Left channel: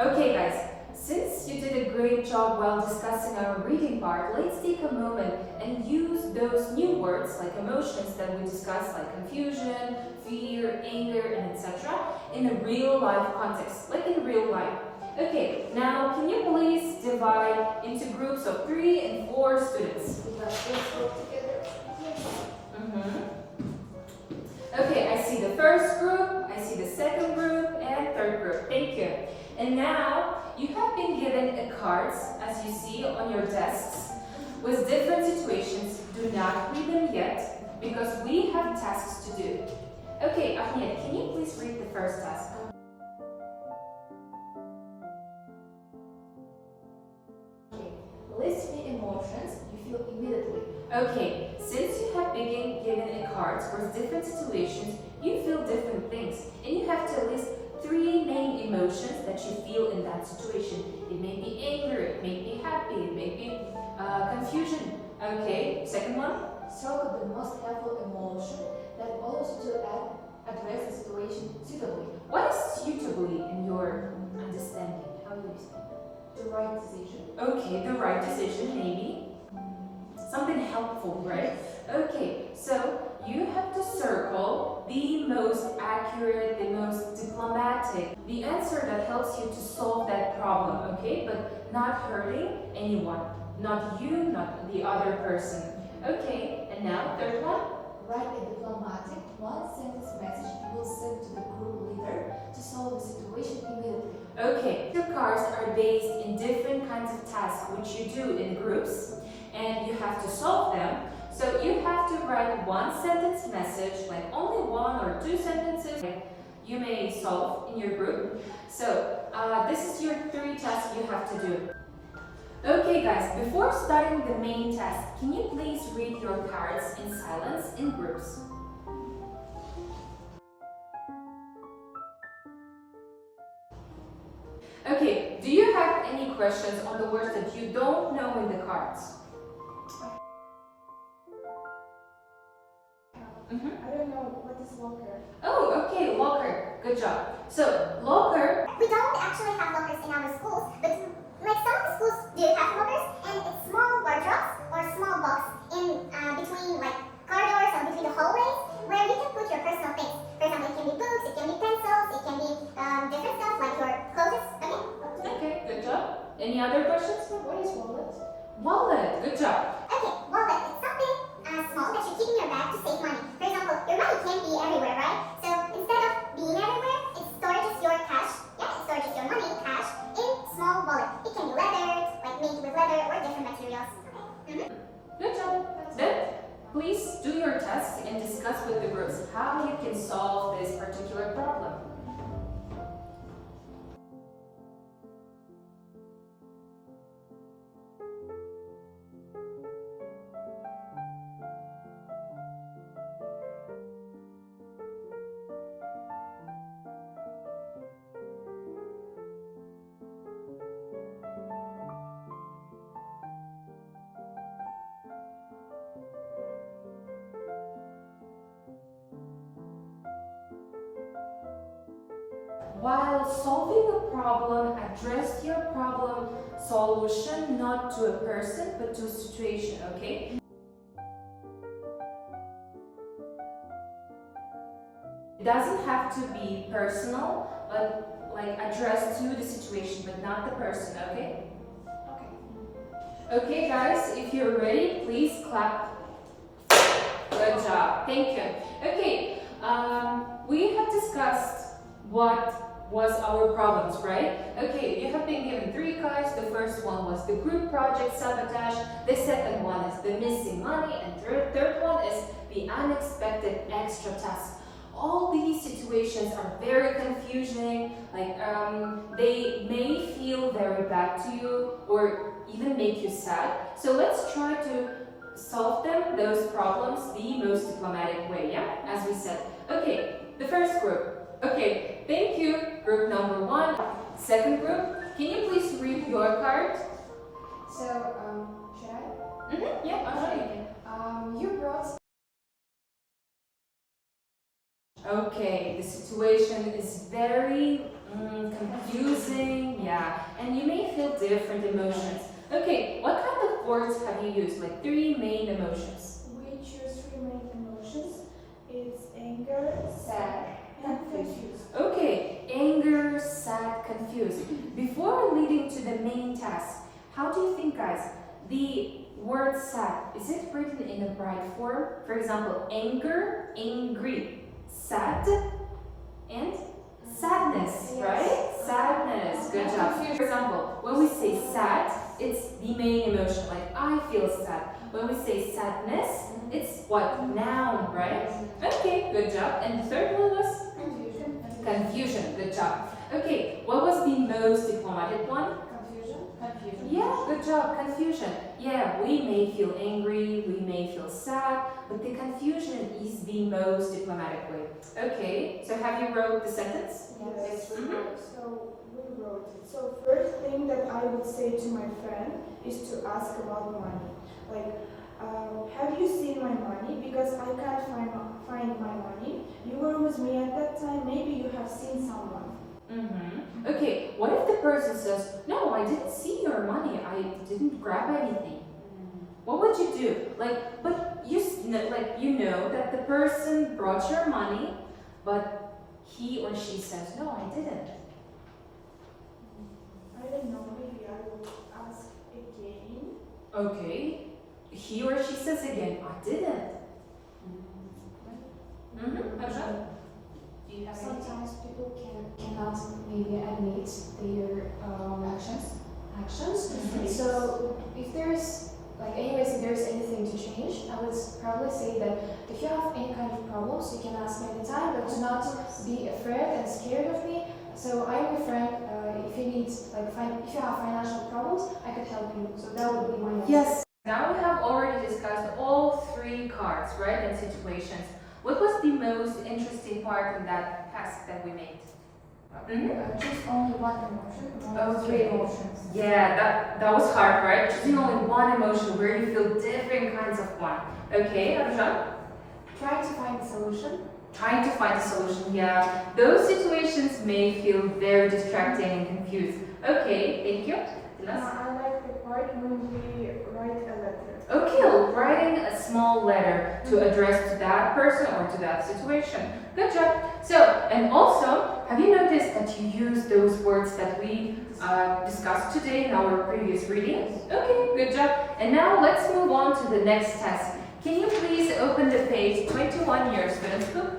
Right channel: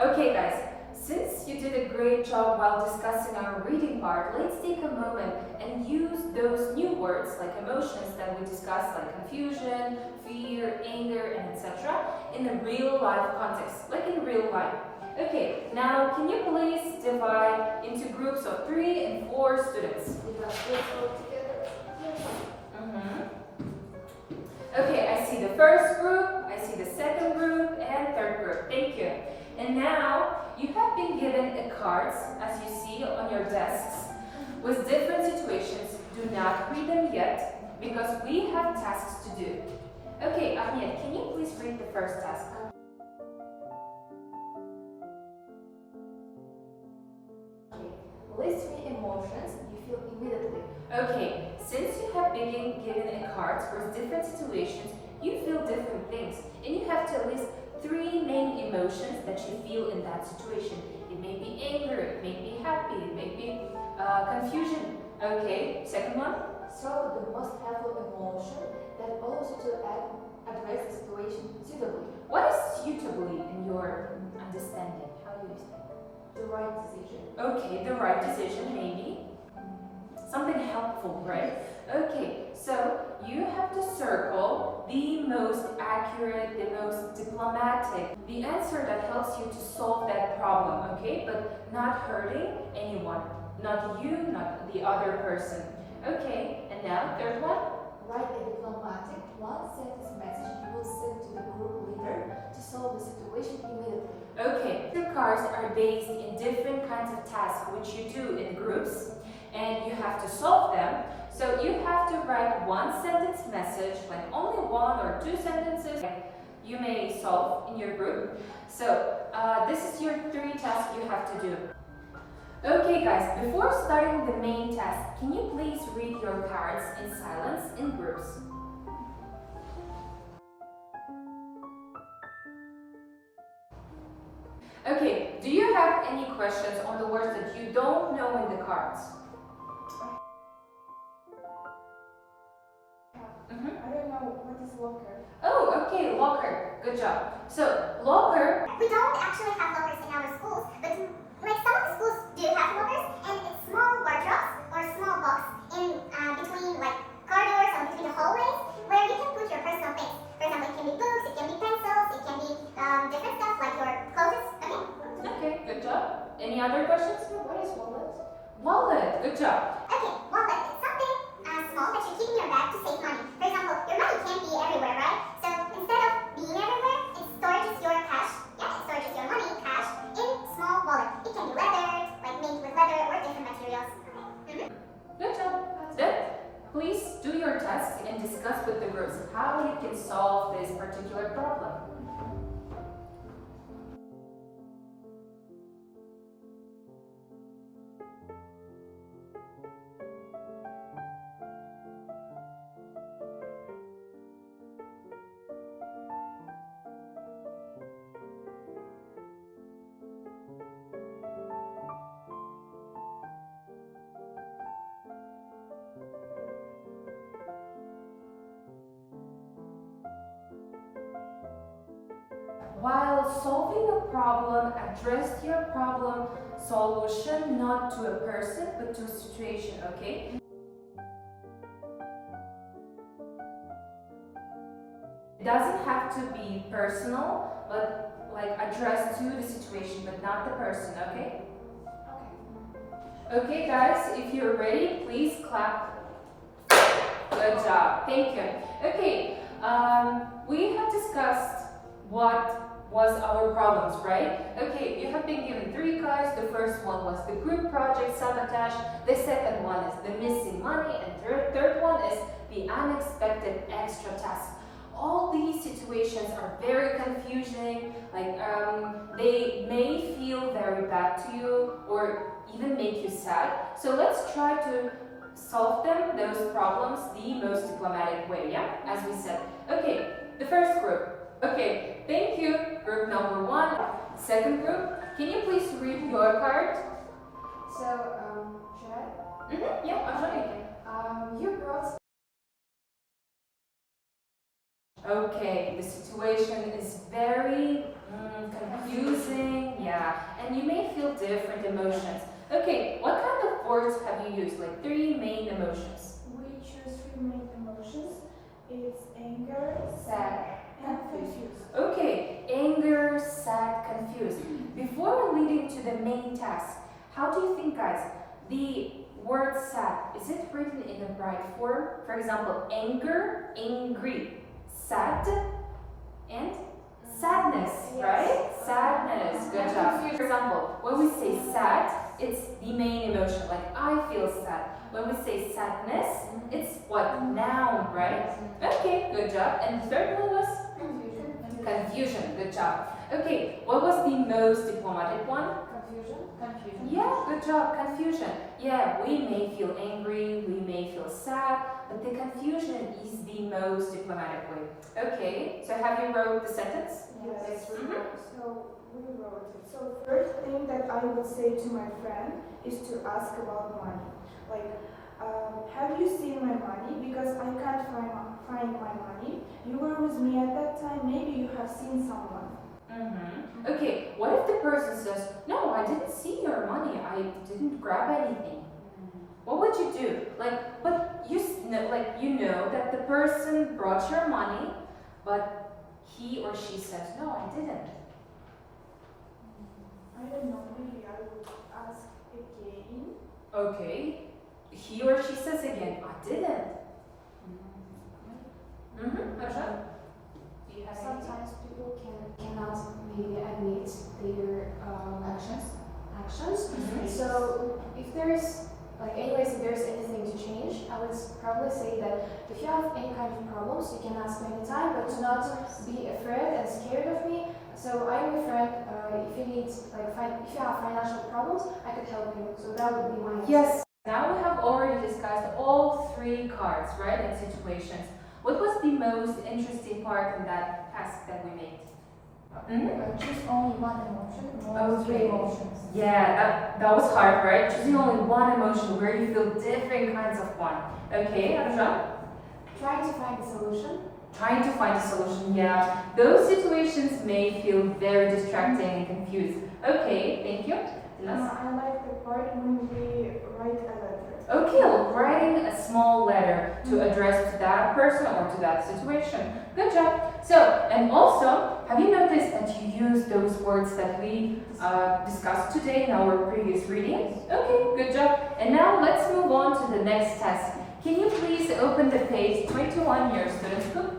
Okay guys, since you did a great job while discussing our reading part, let's take a moment and use those new words like emotions that we discussed, like confusion, fear, anger, and etc. in a real life context, like in real life. Okay, now can you please divide into groups of 3 and 4 students? Let's go together. Okay, I see the first group, I see the second group, and third group. Thank you. And now you have been given a cards, as you see on your desks, with different situations. Do not read them yet, because we have tasks to do. Okay, Ahmed, can you please read the first task? Okay, list the emotions you feel immediately. Okay, since you have been given a cards with different situations, you feel different things, and you have to list 3 main emotions that you feel in that situation. It may be anger, it may be happy, it may be confusion. Okay, second one? Circle the most helpful emotion that allows you to address the situation suitably. What is suitably in your understanding? How do you say? The right decision. Okay, the right decision, maybe. Something helpful, right? Okay, so you have to circle the most accurate, the most diplomatic, the answer that helps you to solve that problem, okay? But not hurting anyone, not you, not the other person. Okay, and now third one? Write a diplomatic one-sentence message you will send to the group leader to solve the situation immediately. Okay, your cards are based in different kinds of tasks which you do in groups, and you have to solve them. So you have to write one-sentence message, like only 1 or 2 sentences you may solve in your group. So this is your 3 tasks you have to do. Okay guys, before starting the main task, can you please read your cards in silence in groups? Okay, do you have any questions on the words that you don't know in the cards? I don't know what is locker. Oh, okay, locker. Good job. So, locker. We don't actually have lockers in our schools, but like some of the schools do have lockers, and it's small wardrobes or small box in between like corridors or between the hallways where you can put your personal things. For example, it can be books, it can be pencils, it can be different stuff like your clothes. Okay, good job. Any other questions? What is wallet? Wallet. Good job. Okay, wallet. It's something small that you keep in your bag to save money. For example, your money can't be everywhere, right? So instead of being everywhere, it stores your cash. Yeah, it stores your money, cash, in small wallet. It can be leather, like made with leather or different materials. Good job. Then, please do your test and discuss with the groups how you can solve this particular problem. While solving a problem, address your problem solution not to a person but to a situation, okay? It doesn't have to be personal, but like addressed to the situation but not the person, okay? Okay guys, if you're ready, please clap. Good job, thank you. Okay, we have discussed what was our problems, right? Okay, you have been given 3 cards. The first one was the group project sabotage. The second one is the missing money, and third one is the unexpected extra task. All these situations are very confusing, like they may feel very bad to you or even make you sad. So let's try to solve them, those problems, the most diplomatic way, yeah? As we said. Okay, the first group. Okay, thank you, group number 1. Second group, can you please read your card? So, should I? Yeah, I'll show you. You brought. Okay, the situation is very confusing, yeah, and you may feel different emotions. Okay, what kind of words have you used? Like 3 main emotions. We choose 3 main emotions. It's anger, sad, and confused. Okay, anger, sad, confused. Before leading to the main task, how do you think, guys, the word sad, is it written in the right form? For example, anger, angry, sad, and sadness, right? Sadness, good job. For example, when we say sad, it's the main emotion, like I feel sad. When we say sadness, it's what? Noun, right? Okay, good job. And the third one was? Confusion. Confusion, good job. Okay, what was the most diplomatic one? Confusion. Yeah, good job, confusion. Yeah, we may feel angry, we may feel sad, but the confusion is the most diplomatic way. Okay, so have you wrote the sentence? Yes. Mhm. So we wrote it. So first thing that I would say to my friend is to ask about money. Like, have you seen my money? Because I can't find my money. You were with me at that time. Maybe you have seen someone. Okay, what if the person says, no, I didn't see your money, I didn't grab anything? What would you do? Like, but you know that the person brought your money, but he or she says, no, I didn't. I don't know. Maybe I would ask again. Okay, he or she says again, I didn't. Arshan? Do you have anything? Sometimes people cannot maybe admit their actions. So if there's if there's anything to change, I would probably say that if you have any kind of problems, you can ask me anytime, but do not be afraid and scared of me. So I am your friend. If you need if you have financial problems, I could help you. So that would be my Yes. Now we have already discussed all 3 cards, right, and situations. What was the most interesting part in that task that we made? Choose only one emotion, Okay. 3 emotions. Yeah, that was hard, right? Choosing only one emotion where you feel different kinds of one. Okay, Arjun? Trying to find a solution. Trying to find a solution, yeah. Those situations may feel very distracting and confused. Okay, thank you. Dinas? I like the part when we write a letter. Okay, writing a small letter to address to that person or to that situation. Good job. So, and also, have you noticed that you use those words that we discussed today in our previous readings? Okay, good job. And now let's move on to the next task. Can you please open the page 21, your student book?